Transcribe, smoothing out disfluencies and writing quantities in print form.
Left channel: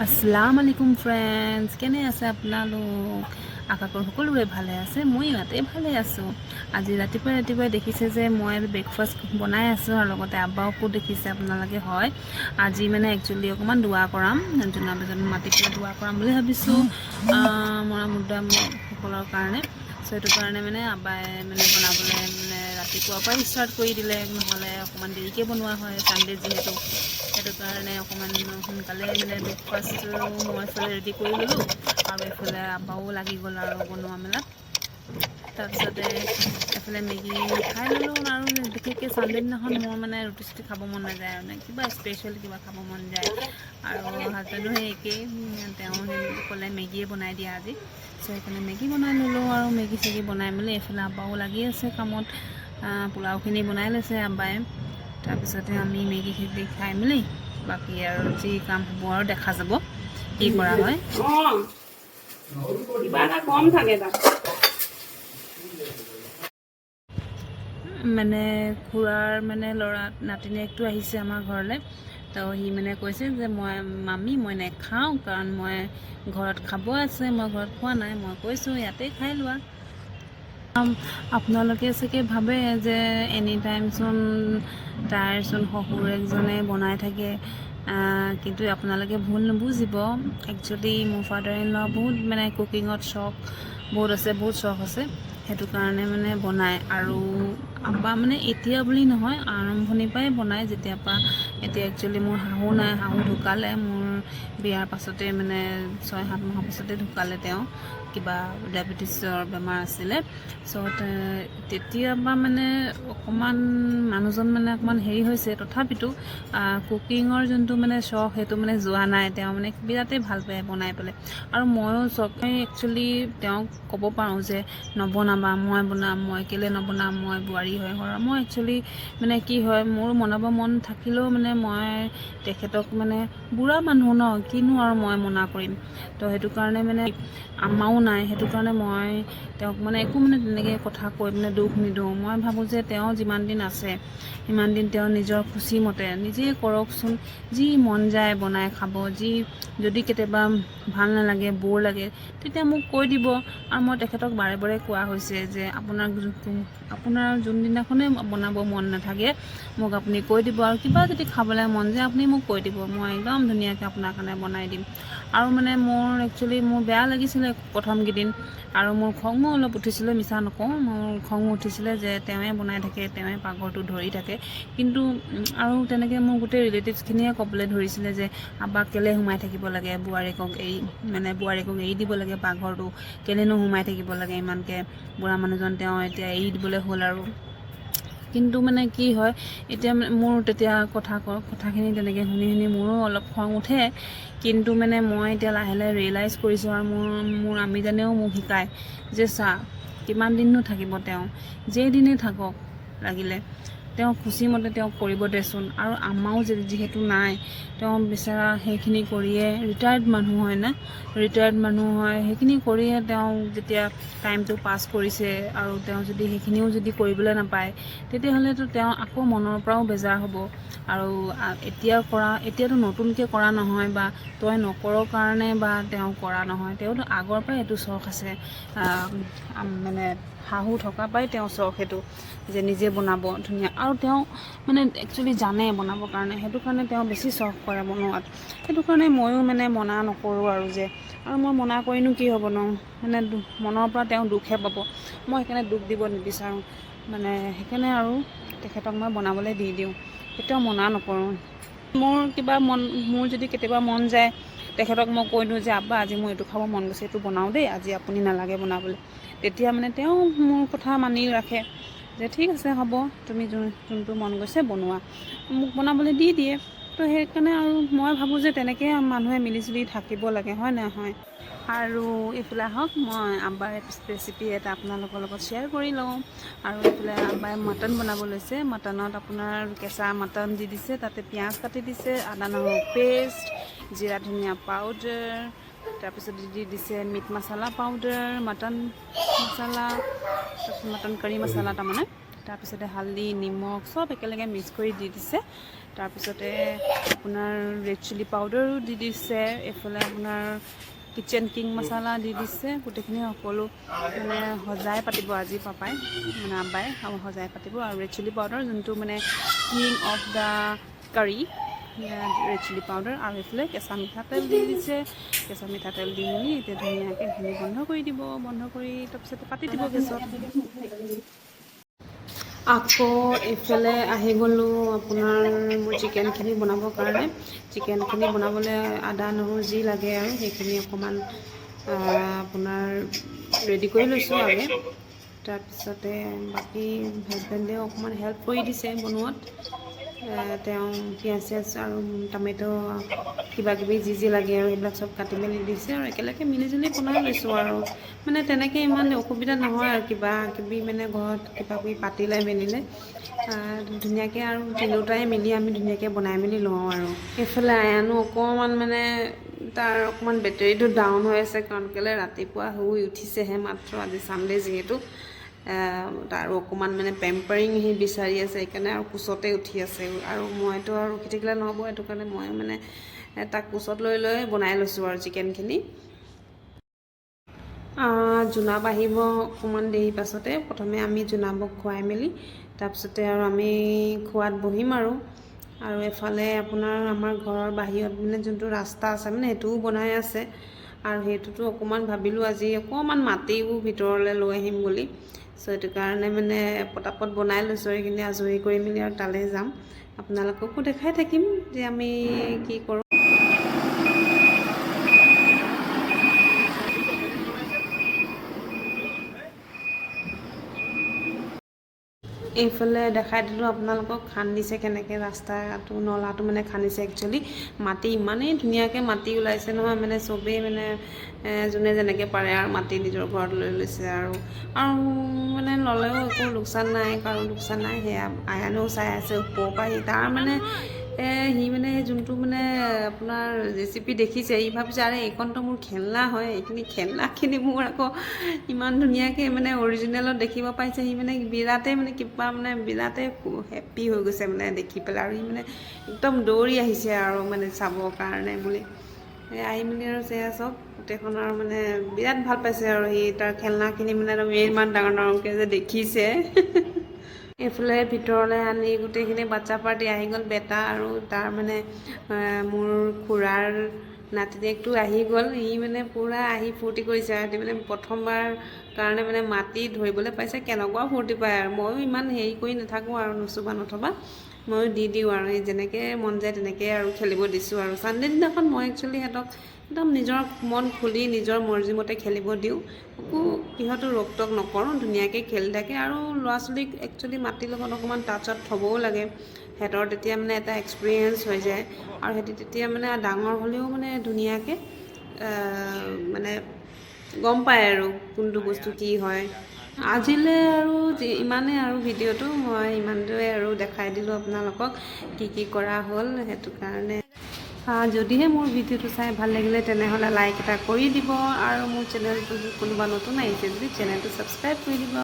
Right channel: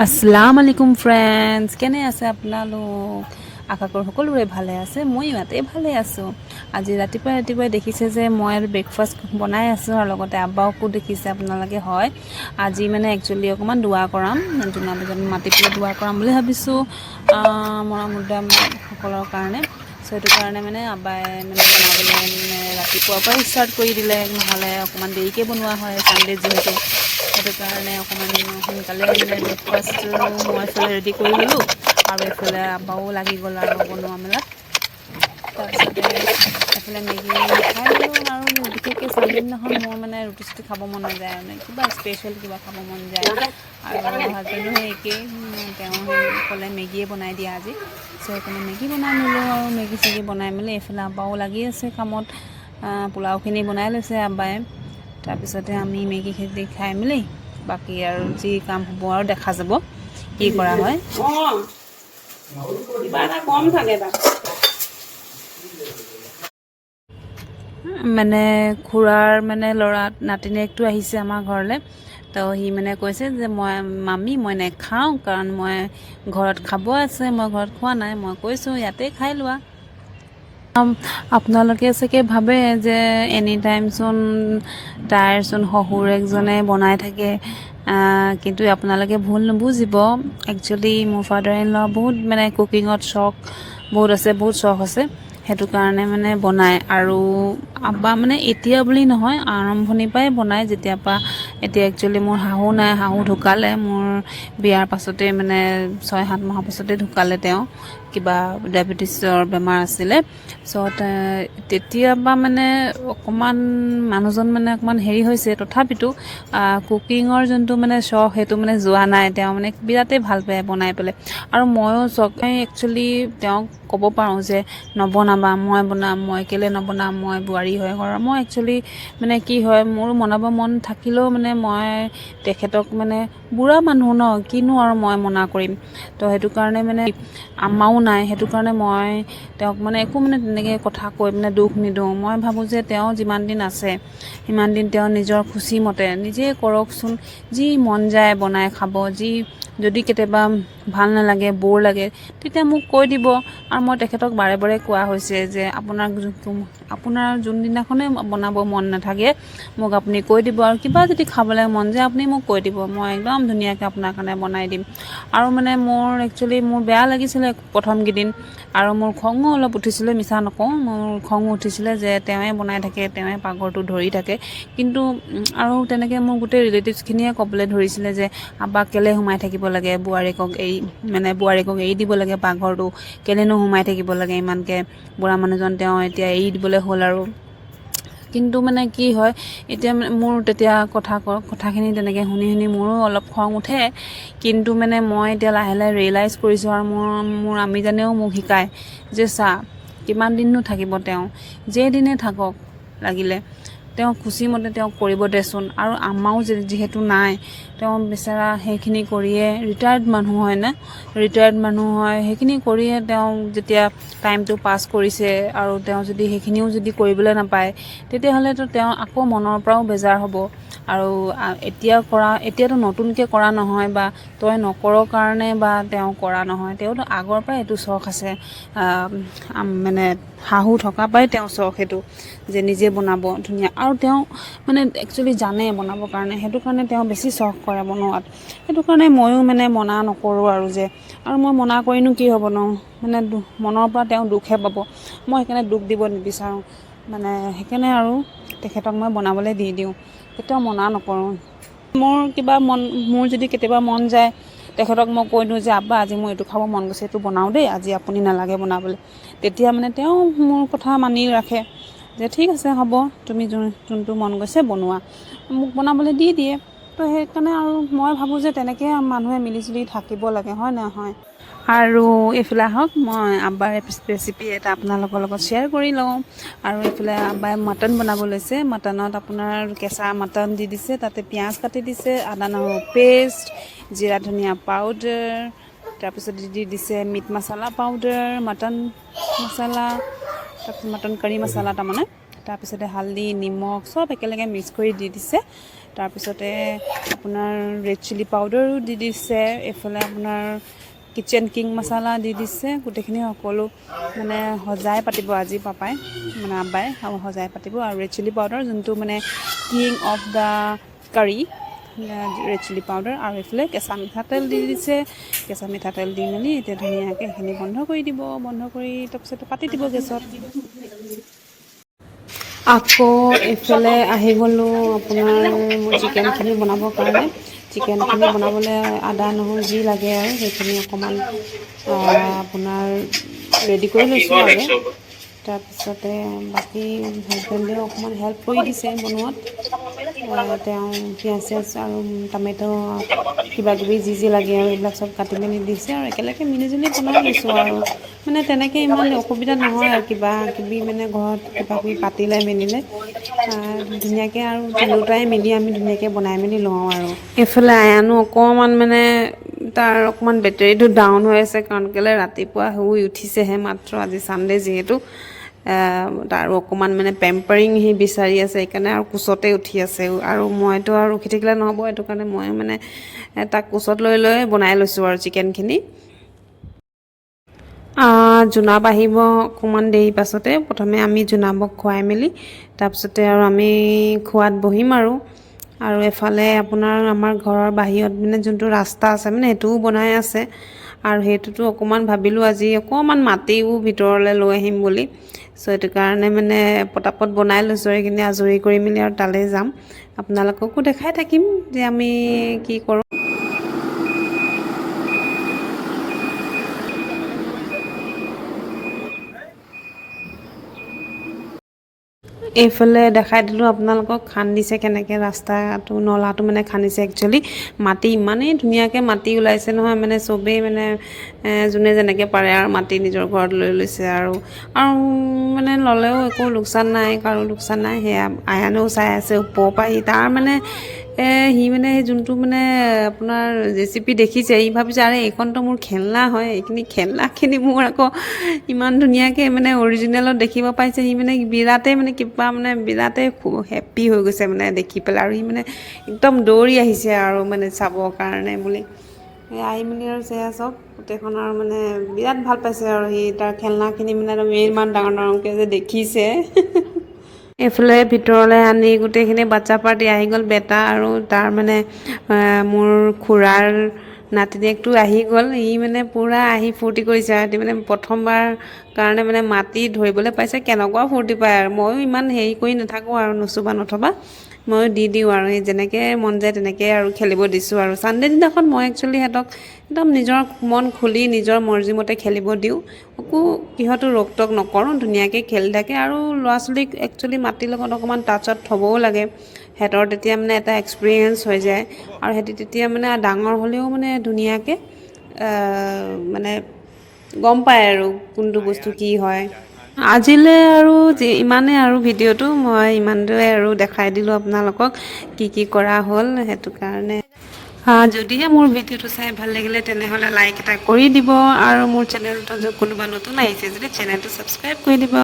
আসসালামু আলাইকুম ফ্ৰেণ্ডছ, কেনে আছে আপোনালোক? আশা কৰোঁ সকলোৰে ভালে আছে। মই ইয়াতে ভালে আছোঁ। আজি ৰাতিপুৱাই দেখিছে যে মই আৰু ব্ৰেকফাষ্ট বনাই আছোঁ আৰু লগতে আব্বাওকো দেখিছে আপোনালোকে। হয়, আজি মানে একচুৱেলি অকণমান দোৱা কৰাম, জোনাবীজন মাতি পেলাই দোৱা কৰাম বুলি ভাবিছোঁ মৰা মুৰ্দাসকলৰ কাৰণে। চ' সেইটো কাৰণে মানে আব্বাই মানে বনাবলৈ মানে ৰাতিপুৱাৰ পৰাই ষ্টাৰ্ট কৰি দিলে, নহ'লে অকণমান দেৰিকৈ বনোৱা হয় ছানডে যিহেতু। সেইটো কাৰণে অকণমান সোনকালে মানে ব্ৰেকফাষ্টটো মই এইফালে ৰেডি কৰি ল'লোঁ আৰু এইফালে আব্বাও লাগি গ'ল আৰু বনোৱা মেলাত। তাৰপিছতে এইফালে মেগী খাই ল'লোঁ আৰু বিশেষকৈ ছানডে দিনাখন মোৰ মানে ৰুটি চুটি খাব মন নাযায় আৰু কিবা স্পেচিয়েল কিবা খাব মন যায়। আৰু হাজবেণ্ডো সেই একেই, তেওঁ সেই ক'লে মেগীয়ে বনাই দিয়া আজি। চ' সেইকাৰণে মেগী বনাই নিলোঁ আৰু মেগী চেগী বনাই মেলি এইফালে আব্বাও লাগি আছে কামত। পোলাওখিনি বনাই লৈছে আব্বাই। তাৰপিছতে আমি মেগী খেতি খাই মেলি বাকী আৰু যি কাম হ'ব আৰু দেখা যাব কি কৰা হয়। মানে খুৰাৰ মানে ল'ৰা নাতিনীয়েকটো আহিছে আমাৰ ঘৰলৈ। তো সি মানে কৈছে যে মামী মই নেখাওঁ, কাৰণ মই ঘৰত খাব আছে, মই ঘৰত খোৱা নাই। মই কৈছোঁ ইয়াতে খাই লোৱা। আপোনালোকে চাগে ভাবে যে এনি টাইমচোন তাইৰচোন শহুৰেকজনে বনাই থাকে, কিন্তু আপোনালোকে ভুল নুবুজিব। একচুৱেলি মোৰ ফাদাৰ ইন ল বহুত মানে কুকিঙত বহুত চখ আছে। সেইটো কাৰণে মানে বনায় আৰু আব্বা মানে এতিয়া বুলি নহয়, আৰম্ভণিৰ পৰাই বনায় যেতিয়াৰ পৰা। এতিয়া একচুৱেলি মোৰ শাহু নাই, শাহু ঢুকালে মোৰ বিয়াৰ পাছতে, মানে 6-7 মাহৰ পাছতে ঢুকালে। তেওঁ কিবা ডায়েবেটিছৰ বেমাৰ আছিলে। চ' তেতিয়াৰ পৰা মানে অকণমান মানুহজন মানে অকণমান হেৰি হৈছে, তথাপিতো কুকিঙৰ যোনটো মানে চখ সেইটো মানে যোৱা নাই। তেওঁ মানে বিৰাটেই ভাল পায় বনাই পেলাই। আৰু ময়ো একচুৱেলি তেওঁক ক'ব পাৰোঁ যে নবনাবা, মই বনাম, মই কেলৈ নবনাম, মই বোৱাৰী হয় ঘৰৰ। মই একচুৱেলি মানে কি হয়, মোৰ বনাব মন থাকিলেও মানে মই তেখেতক মানে বুঢ়া মানুহ ন, কিনো আৰু মই মনা কৰিম। তো সেইটো কাৰণে মানে আমাও নাই, সেইটো কাৰণে মই তেওঁক মানে একো মানে তেনেকৈ কথা কৈ মানে দুখ নিদিওঁ। মই ভাবোঁ যে তেওঁ যিমান দিন আছে সিমান দিন তেওঁ নিজৰ খুচিমতে নিজে কৰকচোন, যি মন যায় বনাই খাব। যদি কেতিয়াবা ভাল নালাগে, ব'ৰ লাগে, তেতিয়া মোক কৈ দিব। আৰু মই তেখেতক বাৰে বাৰে কোৱা হৈছে যে আপোনাৰ যোনদিনাখনে বনাব মন নাথাকে মোক আপুনি কৈ দিব, আৰু কিবা যদি খাবলৈ মন যায় আপুনি মোক কৈ দিব, মই একদম ধুনীয়াকৈ আপোনাৰ কাৰণে বনাই দিম। আৰু মানে মোৰ বেয়া লাগিছিলে প্ৰথম কেইদিন, আৰু মোৰ খঙো অলপ উঠিছিলে, মিছা নকওঁ। মোৰ খং উঠিছিলে যে তেওঁৱে বনাই থাকে, তেওঁৱে পাকঘৰটো ধৰি থাকে। কিন্তু আৰু তেনেকৈ মোৰ গোটেই ৰিলেটিভছখিনিয়ে ক'বলৈ ধৰিছিলে যে আব্বাক কেলৈ সোমাই থাকিব লাগে, বোৱাৰীকক এৰি দিব লাগে পাকঘৰটো, কেলৈনো সোমাই থাকিব লাগে ইমানকৈ, বুঢ়া মানুহজন তেওঁ এতিয়া এৰি দিবলৈ হ'ল আৰু। কিন্তু মানে কি হয়, এতিয়া মোৰ তেতিয়া কথাখিনি তেনেকৈ শুনি মোৰো অলপ খং উঠে। কিন্তু মানে মই এতিয়া লাহে লাহে ৰিয়েলাইজ কৰিছোঁ, আৰু মোৰ আমিজানেও মোক শিকায় যে কিমান দিননো থাকিব তেওঁ, যেইদিনে থাকক লাগিলে, তেওঁ খুচিমতে তেওঁক কৰিব দেচোন। আৰু আমাৰো যিহেতু নাই, তেওঁ বেচেৰা সেইখিনি কৰিয়ে ৰিটায়াৰ্ড মানুহ হয়, সেইখিনি কৰিয়ে তেওঁ যেতিয়া টাইমটো পাছ কৰিছে, আৰু তেওঁ যদি সেইখিনিও যদি কৰিবলৈ নাপায়, তেতিয়াহ'লেতো তেওঁ আকৌ মনৰ পৰাও বেজাৰ হ'ব। আৰু এতিয়াতো নতুনকৈ কৰা নহয়, বা তই নকৰৰ কাৰণে বা তেওঁ কৰা নহয়, তেওঁতো আগৰ পৰাই এইটো চখ আছে। মানে শাহু থকা পৰাই তেওঁ চখ সেইটো, যে নিজে বনাব ধুনীয়া। আৰু তেওঁ মানে একচুৱেলি জানে বনাবৰ কাৰণে, সেইটো কাৰণে তেওঁ বেছি চখ কৰে বনোৱাত। সেইটো কাৰণে ময়ো মানে মনা নকৰোঁ আৰু মই মনা কৰিনো কি হ'ব ন, মানে মনৰ পৰা তেওঁ দুখহে পাব। মই সেইকাৰণে দুখ দিব নিবিচাৰোঁ, মানে সেইকাৰণে আৰু তেখেতক মই বনাবলৈ দি দিওঁ, কেতিয়াও মনা নকৰোঁ। মোৰ যদি কেতিয়াবা মন যায়, তেখেতক মই কৈ দিওঁ যে আব্বা আজি মোৰ এইটো খাব মন গৈছে, এইটো বনাওঁ দেই, আজি আপুনি নালাগে বনাবলৈ। তেতিয়া মানে তেওঁ মোৰ কথা মানি ৰাখে যে ঠিক আছে হ'ব, তুমি যোনটো মন গৈছে বনোৱা, মোক বনাবলৈ দি দিয়ে। তো সেইকাৰণে আৰু মই ভাবোঁ যে তেনেকৈ মানুহে মিলিজুলি থাকিব লাগে, হয় নহয়? আৰু এইফালে আহক, মই আব্বাৰ ৰেচিপি এটা আপোনালোকৰ লগত শ্বেয়াৰ কৰি লওঁ। আৰু এইফালে আব্বাই মটন বনাব লৈছে। মটনত আপোনাৰ কেঁচা মটন দি দিছে, তাতে পিঁয়াজ কাটি দিছে, আদা নহৰু পেষ্ট, জিৰা ধনিয়া পাউডাৰ, তাৰপিছত দি দিছে মিট মছলা পাউডাৰ, মটন মছলা, তাৰপিছত মটন কাৰী মছলা তাৰমানে, তাৰপিছতে হালধি নিমখ চব একেলগে মিক্স কৰি দি দিছে। তাৰপিছতে আপোনাৰ ৰেড চিলি পাউডাৰো দি দিছে, এইফালে আপোনাৰ কিচেন কিং মছলা দি দিছে। গোটেইখিনি সকলো মানে সজাই পাতিব আজি পাপাই মানে আব্বাই সজাই পাতিব। আৰু ৰেড চিলি পাউডাৰ যোনটো মানে king of the curry, red chilli powder, আৰু এইফালে কেঁচা মিঠাতেল দি দিছে। কেঁচা মিঠাতেল দি মেলি এতিয়া ধুনীয়াকৈ সেইখিনি বন্ধ কৰি দিব। বন্ধ কৰি তাৰপিছতে পাতি দিব গেছত। আকৌ এইফালে আহি গ'লোঁ আপোনাৰ মোৰ চিকেনখিনি বনাবৰ কাৰণে। চিকেনখিনি বনাবলৈ আদা নহৰু যি লাগে আৰু সেইখিনি অকণমান আপোনাৰ ৰেডি কৰি লৈছোঁ আগে। তাৰপিছতে বাকী হাজবেণ্ডেও অকণমান হেল্প কৰি দিছে বনোৱাত। তেওঁ পিঁয়াজ চিয়াজ আৰু টমেটো কিবাকিবি যি লাগে আৰু সেইবিলাক চব কাটি মেলি দিছে, আৰু একেলগে মিলিজুলি বনাই লৈছোঁ আৰু মানে তেনেকৈ ইমান অসুবিধা নহয় আৰু কিবা কিবি মানে ঘৰত কিবা কিবি পাতিলে মেলিলে ধুনীয়াকৈ আৰু তিনিওটাই মিলি আমি ধুনীয়াকৈ বনাই মেলি লওঁ। আৰু এইফালে আয়ানো অকণমান মানে তাৰ অকণমান বেটেৰীটো ডাউন হৈ আছে, কাৰণ কেলৈ ৰাতিপুৱা শুই উঠিছেহে মাত্ৰ, আজি ছানডে যিহেতু। আৰু অকণমান মানে পেম্পাৰিং সি বিচাৰি আছে, সেইকাৰণে আৰু কোচতে উঠি আছে। আৰু মইতো আৰু ৰখি থাকিলে নহ'ব, সেইটো কাৰণে মই মানে তাক কোচত লৈ লৈ বনাই লৈছোঁ আৰু চিকেনখিনি। জোনাব আহিব অকণমান দেৰি পাছতে। প্ৰথমে আমি জোনাবক খুৱাই মেলি তাৰপিছতে আৰু আমি খোৱাত বহিম আৰু এফালে আপোনাৰ আমাৰ ঘৰৰ বাহিৰত মানে যোনটো ৰাস্তা আছে মানে সেইটোও বনাই আছে, আৰু সেইটোতো অকণমান ভাবিলোঁ আজি অকণমান মাটিও ভিতৰলৈ লৈ আহিম বুলি। চ' সেইটো কাৰণে মানে পটাপট বনাই লৈছোঁ, সেইখিনি আজৰি কৰি মেলি আৰু তালৈ যাম। আপোনালোককো দেখাই থাকিম যে আমি কি কৰোঁ। এইফালে দেখাই দিলোঁ আপোনালোকক খান্দিছে কেনেকৈ, ৰাস্তাটো নলাটো মানে খান্দিছে। একচুৱেলি মাটি ইমানেই ধুনীয়াকৈ মাটি ওলাইছে নহয়, মানে চবেই মানে যোনে যেনেকৈ পাৰে আৰু মাটি নিজৰ ঘৰত লৈ লৈছে। আৰু মানে ল'লেও একো লোকচান নাই, কাৰো লোকচান নাই। সেয়া আয়ানেও চাই আছে ওপৰৰ পৰা। তাৰ মানে সি মানে যোনটো মানে আপোনাৰ জেচিপি দেখিছে, সি ভাবিছে আৰে এইখনতো মোৰ খেলনা হয়, এইখিনি খেলনাখিনি মোৰ আকৌ ইমান ধুনীয়াকৈ মানে অৰিজিনেলত দেখিব পাইছে। সি মানে বিৰাটেই মানে কিবা মানে বিৰাটেই হেপ্পী হৈ গৈছে মানে দেখি পেলাই, আৰু সি মানে একদম দৌৰি আহিছে আৰু মানে চাবৰ কাৰণে বুলি। আহি মেলি আৰু সেয়া চাওক গোটেইখন, আৰু মানে বিৰাট ভাল পাইছে আৰু সি তাৰ খেলনাখিনি মানে ইমান ডাঙৰ ডাঙৰকৈ যে দেখিছে। এইফালে ভিতৰলৈ আনি গোটেইখিনি বাচ্ছা পাৰ্টি আহি গ'ল। বেটা আৰু তাৰ মানে মোৰ খুৰাৰ নাতিনীয়েকটো আহি গ'ল। ই মানে পূৰা আহি ফূৰ্তি কৰিছে। সিহঁতি মানে প্ৰথমবাৰ কাৰণে মানে মাটি ধৰিবলৈ পাইছে, কেনেকুৱা ফূৰ্তি পায়। আৰু ময়ো ইমান হেৰি কৰি নাথাকোঁ আৰু নচুবা নথবা ময়ো দি দিওঁ, আৰু সেই যেনেকৈ মন যায় তেনেকৈ আৰু খেলিব দিছোঁ। আৰু ছানডে দিনাখন মই একচুৱেলি সিহঁতক একদম নিজৰ মন খুলি নিজৰ মৰ্জিমতে খেলিব দিওঁ, একো কিহতো ৰোক টক নকৰোঁ, ধুনীয়াকৈ খেলি থাকে। আৰু ল'ৰা ছোৱালীক একচুৱেলি মাটিৰ লগত অকণমান টাচত থ'বও লাগে, সিহঁতৰ তেতিয়া মানে এটা এক্সপিৰিয়েঞ্চ হৈ যায়। আৰু সিহঁতি তেতিয়া মানে ডাঙৰ হ'লেও মানে ধুনীয়াকৈ মানে গম পায় আৰু কোনটো বস্তু কি হয়। আজিলৈ আৰু ইমানেই আৰু ভিডিঅ'টো মই ইমানটোৱে আৰু দেখাই দিলোঁ আপোনালোকক কি কি কৰা হ'ল। সেইটো কাৰণে যদিহে মোৰ ভিডিঅ'টো চাই ভাল লাগিলে তেনেহ'লে লাইক এটা কৰি দিব, আৰু মোৰ চেনেলটো কোনোবা নতুন আহিছে যদি চেনেলটো ছাবস্ক্ৰাইব কৰি দিব।